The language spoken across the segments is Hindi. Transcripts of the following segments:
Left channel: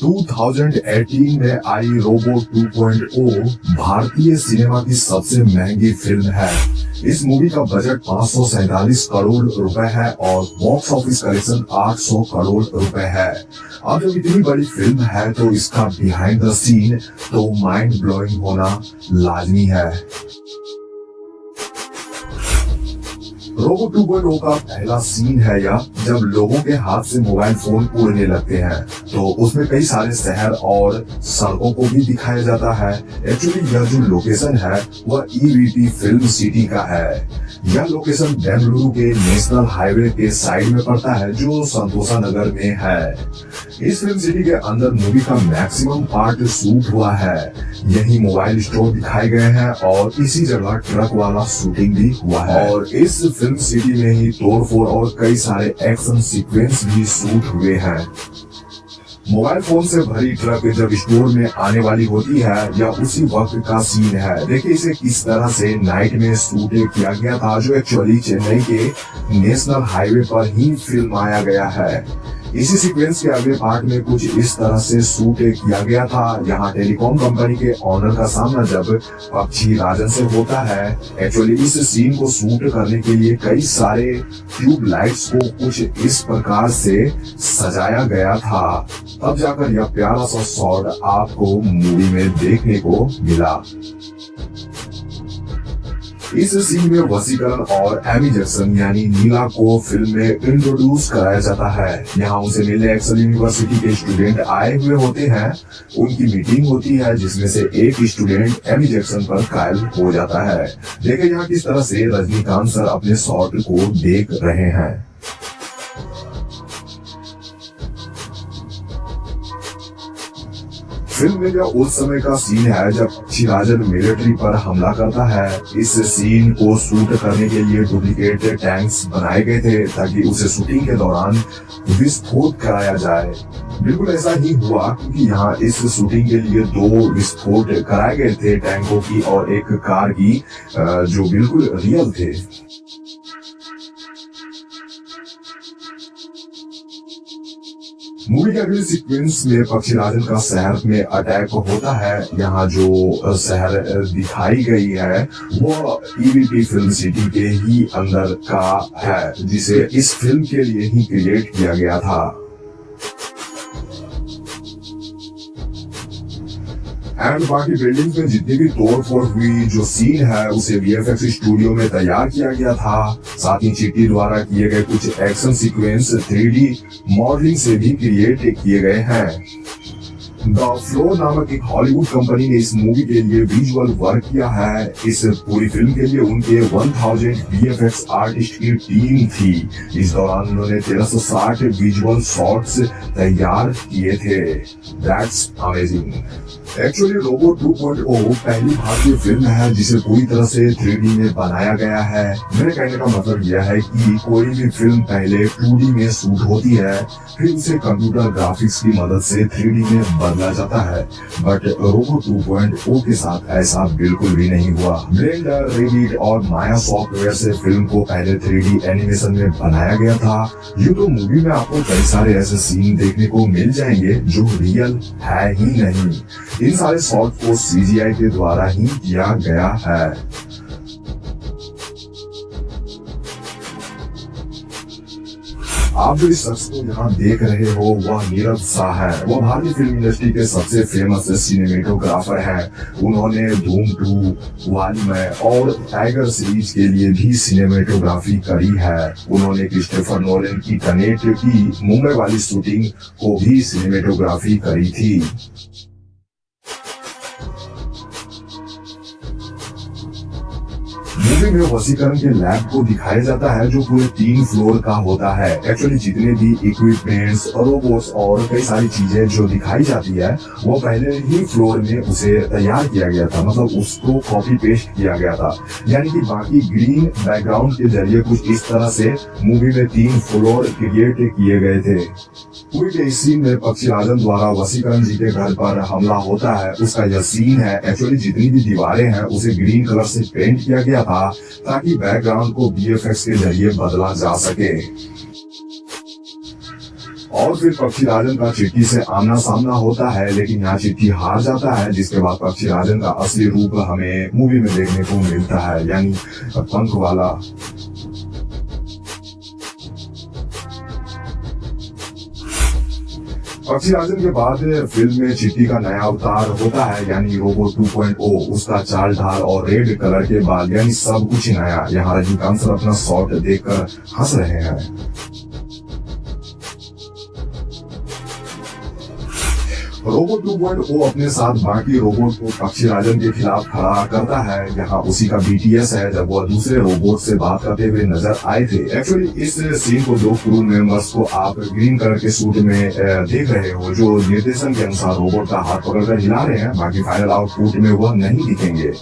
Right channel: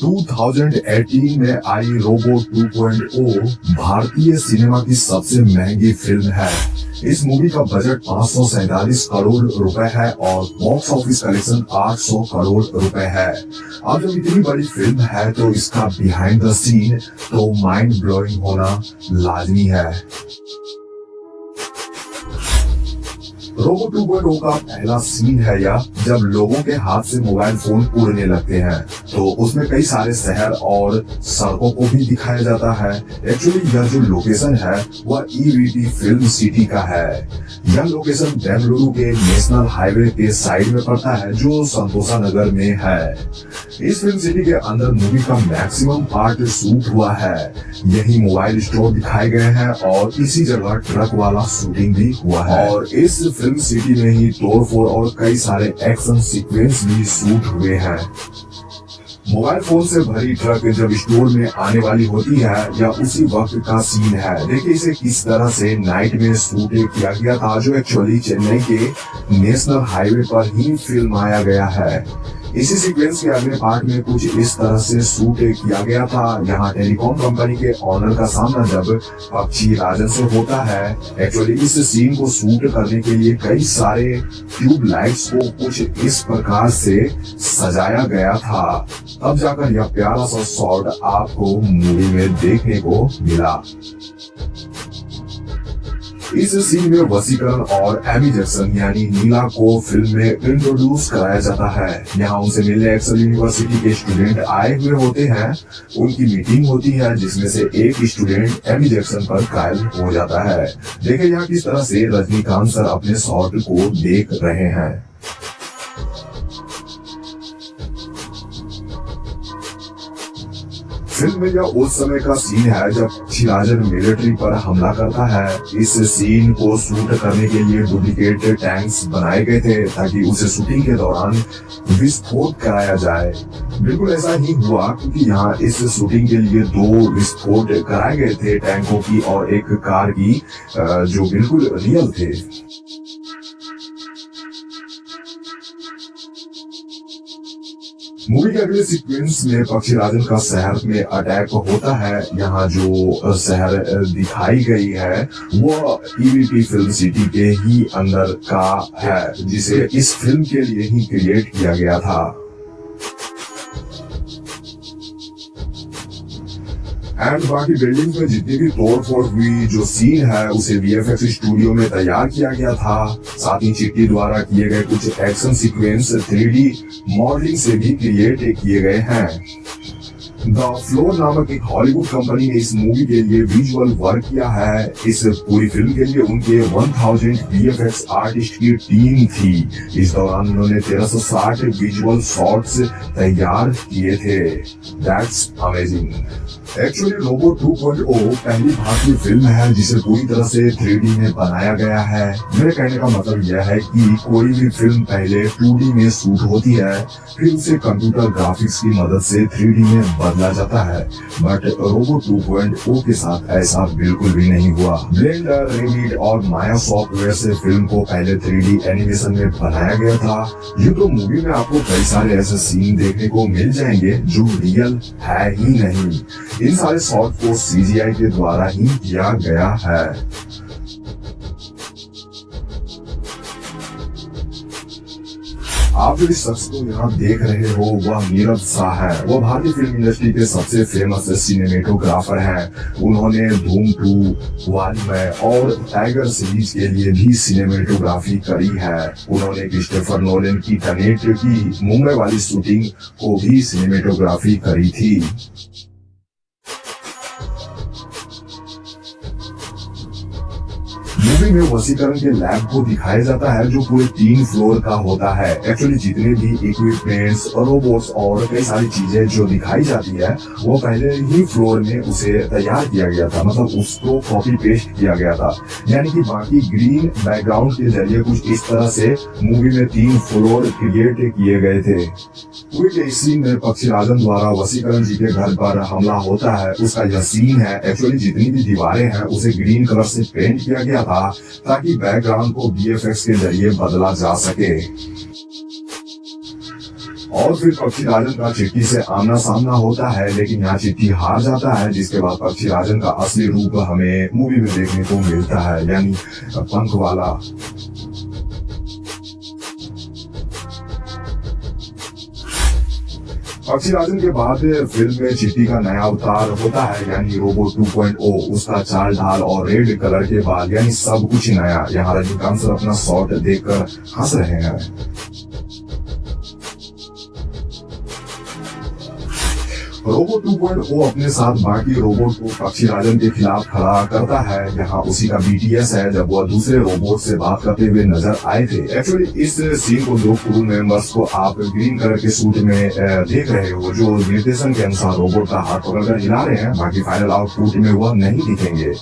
2018 में आई रोबो 2.0 भारतीय सिनेमा की सबसे महंगी फिल्म है। इस मूवी का बजट 547 करोड़ रुपए है और बॉक्स ऑफिस कलेक्शन 800 करोड़ रुपए है। अब जब इतनी बड़ी फिल्म है तो इसका बिहाइंड द सीन तो माइंड ब्लोइंग होना लाजमी है। रोबो 2.0 का पहला सीन है यह, जब लोगों के हाथ से मोबाइल फोन उड़ने लगते हैं तो उसमें कई सारे शहर और सड़कों को भी दिखाया जाता है। एक्चुअली यह जो लोकेशन है वह ईवीटी फिल्म सिटी का है। यह लोकेशन बेंगलुरु के नेशनल हाईवे के साइड में पड़ता है जो संतोषा नगर में है। इस फिल्म सिटी के अंदर मूवी का मैक्सिमम पार्ट शूट हुआ है। यही मोबाइल स्टोर दिखाए गए हैं और इसी जगह ट्रक वाला शूटिंग भी हुआ है और इस फिल्म सिटी में ही तोड़फोड़ और कई सारे एक्शन सीक्वेंस भी शूट हुए हैं। मोबाइल फोन से भरी ट्रक जब स्टोर में आने वाली होती है यह उसी वक्त का सीन है। देखिए इसे किस तरह से नाइट में शूट किया गया था जो एक्चुअली चेन्नई के नेशनल हाईवे पर ही फिल्म आया गया है। इसी सीक्वेंस के अगले पार्ट में कुछ इस तरह से शूट किया गया था। यहाँ टेलीकॉम कंपनी के ऑनर का सामना जब पक्षी राजन से होता है। एक्चुअली इस सीन को शूट करने के लिए कई सारे ट्यूब लाइट्स को कुछ इस प्रकार से सजाया गया था, तब जाकर यह प्यारा सा शॉट आपको मूवी में देखने को मिला। इस सीन में वसीकरण और एमी जैक्सन यानी नीला को फिल्म में इंट्रोड्यूस कराया जाता है। यहाँ उनसे मिलने एक्सेल यूनिवर्सिटी के स्टूडेंट आए हुए होते हैं। उनकी मीटिंग होती है जिसमें से एक स्टूडेंट एमी जैक्सन पर कायल हो जाता है। देखें यहाँ किस तरह से रजनीकांत सर अपने शॉट को देख रहे हैं। फिल्म में यह उस समय का सीन है जब पक्षीराजन मिलिट्री पर हमला करता है। इस सीन को शूट करने के लिए डुप्लीकेट टैंक्स बनाए गए थे ताकि उसे शूटिंग के दौरान विस्फोट कराया जाए। बिल्कुल ऐसा ही हुआ क्योंकि यहाँ इस शूटिंग के लिए 2 विस्फोट कराए गए थे, टैंकों की और एक कार की, जो बिल्कुल रियल थे। मूवी के अगले सीक्वेंस में पक्षीराजन का शहर में अटैक होता है। यहाँ जो शहर दिखाई गई है वो ईवीटी फिल्म सिटी के ही अंदर का है जिसे इस फिल्म के लिए ही क्रिएट किया गया था। एंड बाकी बिल्डिंग में जितनी भी तोड़फोड़ हुई जो सीन है उसे वीएफएक्स स्टूडियो में तैयार किया गया था। साथ ही चिट्टी द्वारा किए गए कुछ एक्शन सीक्वेंस 3D मॉडलिंग से भी क्रिएट किए गए हैं। द फ्लोर नामक एक हॉलीवुड कंपनी ने इस मूवी के लिए विजुअल वर्क किया है। इस पूरी फिल्म के लिए उनके 1000 वीएफएक्स आर्टिस्ट की टीम थी। इस दौरान उन्होंने 1360 विजुअल शॉट्स तैयार किए थे। That's amazing. एक्चुअली रोबो 2.0 पहली भारतीय फिल्म है जिसे पूरी तरह से 3D में बनाया गया है। मेरे कहने का मतलब यह है कि कोई भी फिल्म पहले 2D में शूट होती है फिर उसे कंप्यूटर ग्राफिक्स की मदद से 3D में बदला जाता है, बट रोबो 2.0 के साथ ऐसा बिल्कुल भी नहीं हुआ। ब्लेंडर, रेविट और माया सॉफ्टवेयर से फिल्म को पहले 3D एनिमेशन में बनाया गया था। ये तो मूवी में आपको कई सारे ऐसे सीन देखने को मिल जाएंगे जो रियल है ही नहीं। इन सारे शॉट को सीजीआई के द्वारा ही किया गया है। आप जो इस शख्स को यहाँ देख रहे हो वह नीरज शाह है। वह भारतीय फिल्म इंडस्ट्री के सबसे फेमस सिनेमेटोग्राफर है। उन्होंने धूम 2, वालीमय और टाइगर सीरीज के लिए भी सिनेमेटोग्राफी करी है। उन्होंने क्रिस्टोफर नोलन की टेनेट की मुंबई वाली शूटिंग को भी सिनेमेटोग्राफी करी थी। मूवी में वसीकरण के लैब को दिखाया जाता है जो पूरे 3 फ्लोर का होता है। एक्चुअली जितने भी इक्विपमेंट्स, रोबोट्स और कई सारी चीजें जो दिखाई जाती है वो पहले ही फ्लोर में उसे तैयार किया गया था, मतलब उसको कॉपी पेस्ट किया गया था। यानी कि बाकी ग्रीन बैकग्राउंड के जरिए कुछ इस तरह से मूवी में 3 फ्लोर क्रिएट किए गए थे। पूरे के इस सीन में पक्षीराजन द्वारा वसीकरण जी के घर पर हमला होता है उसका यह सीन है। एक्चुअली जितनी भी दीवारें हैं उसे ग्रीन कलर से पेंट किया गया था ताकि बैकग्राउंड को वीएफएक्स के जरिए बदला जा सके। और फिर पक्षी राजन का चिट्टी से आमना सामना होता है, लेकिन यहाँ चिट्टी हार जाता है, जिसके बाद पक्षी राजन का असली रूप हमें मूवी में देखने को मिलता है, यानी पंख वाला। पक्षी राजन के बाद फिल्म में चिट्टी का नया अवतार होता है, यानी रोबोट 2.0। उसका चाल ढाल और रेड कलर के बाद यानी सब कुछ ही नया। यहाँ रजनीकांत सर अपना शॉट देखकर हंस रहे हैं। रोबोट 2.0 अपने साथ बाकी रोबोट को पक्षी राजन के खिलाफ खड़ा करता है। यहाँ उसी का BTS है, जब वह दूसरे रोबोट से बात करते हुए नजर आए थे। एक्चुअली इस सीन को दो क्रू मेंबर्स को आप ग्रीन कलर के सूट में देख रहे हो, जो निर्देशन के अनुसार रोबोट का हाथ पकड़कर हिला रहे हैं। बाकी फाइनल आउटपुट में वह नहीं दिखेंगे।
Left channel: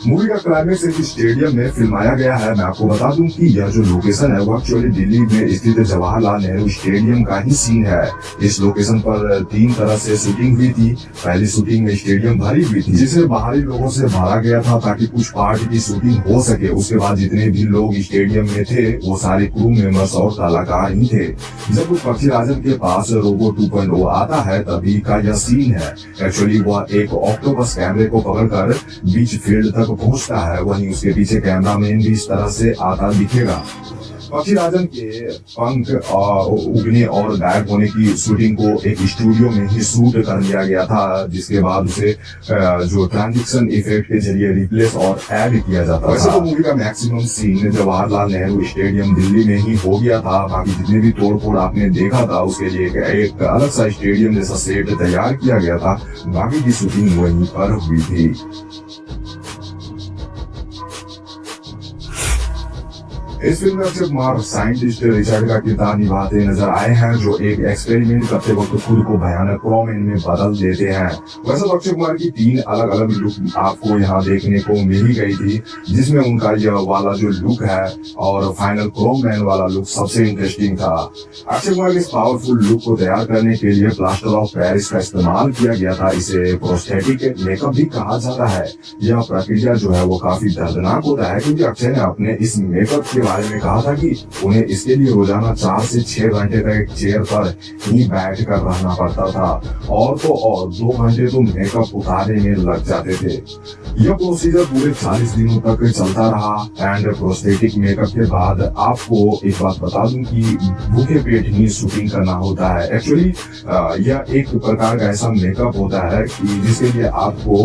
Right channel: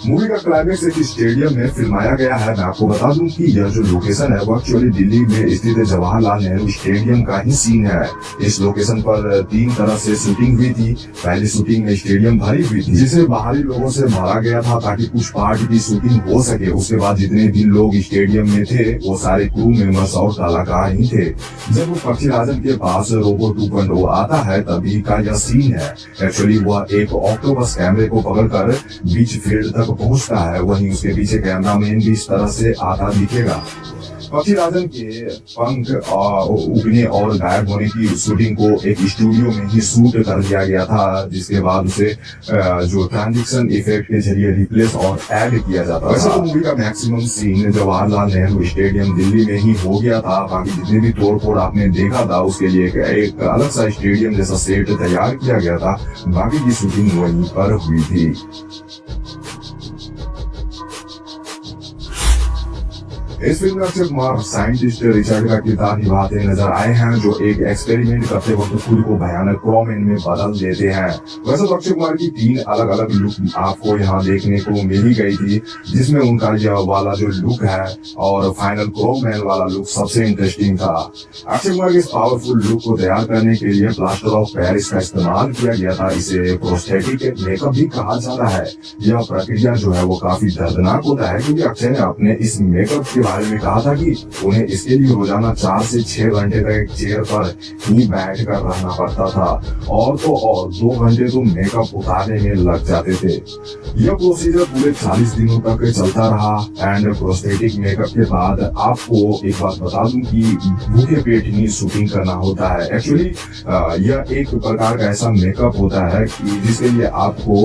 मूवी का क्लाइमेक्स एक स्टेडियम में फिल्माया गया है। मैं आपको बता दूं कि यह जो लोकेशन है वो एक्चुअली दिल्ली में स्थित जवाहरलाल नेहरू स्टेडियम का ही सीन है। इस लोकेशन पर 3 तरह से शूटिंग हुई थी। पहली शूटिंग स्टेडियम भरी हुई थी, जिसे बाहरी लोगों से भरा गया था ताकि कुछ पार्ट की शूटिंग हो सके। उसके बाद जितने भी लोग स्टेडियम में थे वो सारे क्रू मेंबर्स और कलाकार ही थे। जब पक्षी राजन के पास रोबोट 2.0 आता है तभी का यह सीन है। एक्चुअली वह एक ऑक्टोपस कैमरे को पकड़कर बीच फील्ड तक पहुंचता है, वहीं उसके पीछे कैमरामैन भी इस तरह से आता दिखेगा। पक्षी राजन के पंख उगने और गायब होने की शूटिंग को एक स्टूडियो में ही शूट कर लिया गया था, जिसके बाद उसे जो ट्रांजिशन इफेक्ट के जरिए रिप्लेस और ऐड किया जाता था। वैसे तो मूवी का maximum scene Jawaharlal Nehru stadium Delhi में ही हो गया था। बाकी जितने भी तोड़ फोड़ आपने देखा था उसके लिए एक अलग सा स्टेडियम जैसा सेट तैयार किया गया था। बाकी की शूटिंग वहीं पर हुई थी। इस फिल्म में अक्षय कुमार साइंटिस्ट रिचर्ड का किरदार निभाते नजर आए हैं, जो एक एक्सपेरिमेंट करते वक्त खुद को भयानक क्रोमैन में बदल देते हैं। वैसे तो अक्षय कुमार की 3 अलग अलग लुक आपको यहाँ देखने को मिल ही गई थी, जिसमें उनका यह वाला जो लुक है और फाइनल क्रोमैन वाला लुक सबसे इंटरेस्टिंग था। अक्षय कुमार के इस पावरफुल लुक को तैयार करने के लिए प्लास्टर ऑफ पेरिस का इस्तेमाल किया गया था। इसे प्रोस्थेटिक मेकअप भी कहा जाता है। यह प्रक्रिया जो है वो काफी दर्दनाक होता है, क्योंकि अक्षय ने अपने इस मेकअप के बारे में कहा था कि उन्हें इसके लिए रोजाना 4 से 6 घंटे तक एक चेयर पर ही बैठ कर रहना पड़ता था, और तो और 2 घंटे तो मेकअप उतारने में लग जाते थे। यह प्रोसीजर पूरे 40 दिनों तक चलता रहा। एंड प्रोस्थेटिक मेकअप के बाद आपको एक बात बता दूं कि भूखे पेट ही शूटिंग करना होता है। एक्चुअली यह एक प्रकार का ऐसा मेकअप होता है कि जिसके लिए आपको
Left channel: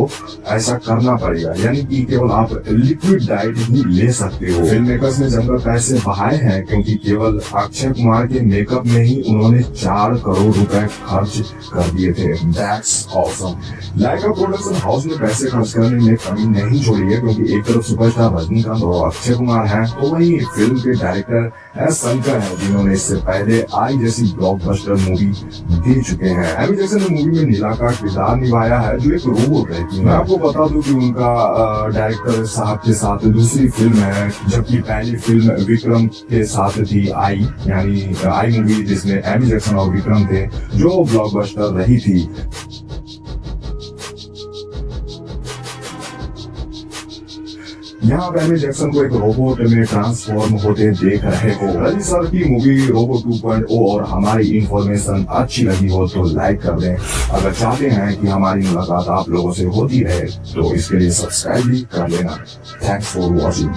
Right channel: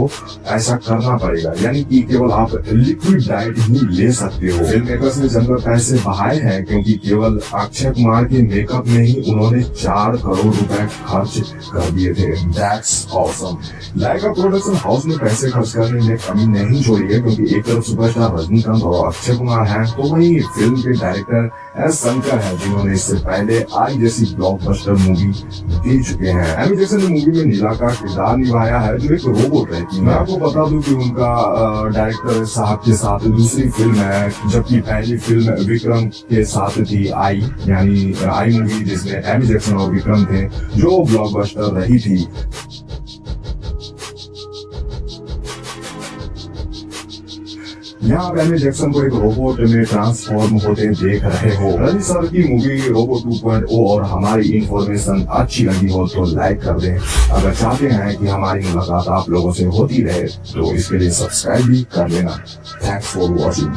ऐसा करना पड़ेगा, यानी कि केवल आप लिक्विड डाइट ही ले सकते हो। फिल्म मेकर्स ने जमकर पैसे बहाए हैं, क्योंकि केवल अक्षय कुमार के मेकअप में ही उन्होंने 4 करोड़ रुपए खर्च कर दिए थे। That's awesome। Lyca production house में पैसे खर्च करने में कमी नहीं छोड़ी है, क्योंकि एक तरफ सुपरस्टार रजनीकांत और अक्षय कुमार हैं, तो वहीं फिल्म के डायरेक्टर एस शंकर है, जिन्होंने इससे पहले आई जैसी ब्लॉकबस्टर मूवी दे चुके हैं। एमी जैक्सन ने मूवी में नीला का किरदार निभाया है, जो एक रोबोट रहती है। मैं आपको बता दूं कि उनका डायरेक्टर साहब के साथ दूसरी फिल्म है, जबकि पहली फिल्म विक्रम के साथ थी आई, यानी आई मूवी जिसमें एमी जैक्सन और विक्रम थे, जो ब्लॉकबस्टर रही थी। यहाँ आप एमी जैक्सन को एक रोबोट में ट्रांसफॉर्म होते देख रहे हो। रजनी सर की मूवी रोबोट 2.0 और हमारी इंफॉर्मेशन अच्छी लगी हो तो लाइक कर दें। अगर चाहते हैं कि हमारी मुलाकात आप लोगों से होती रहे तो इसके लिए सब्सक्राइब भी कर लेना। Thanks for watching.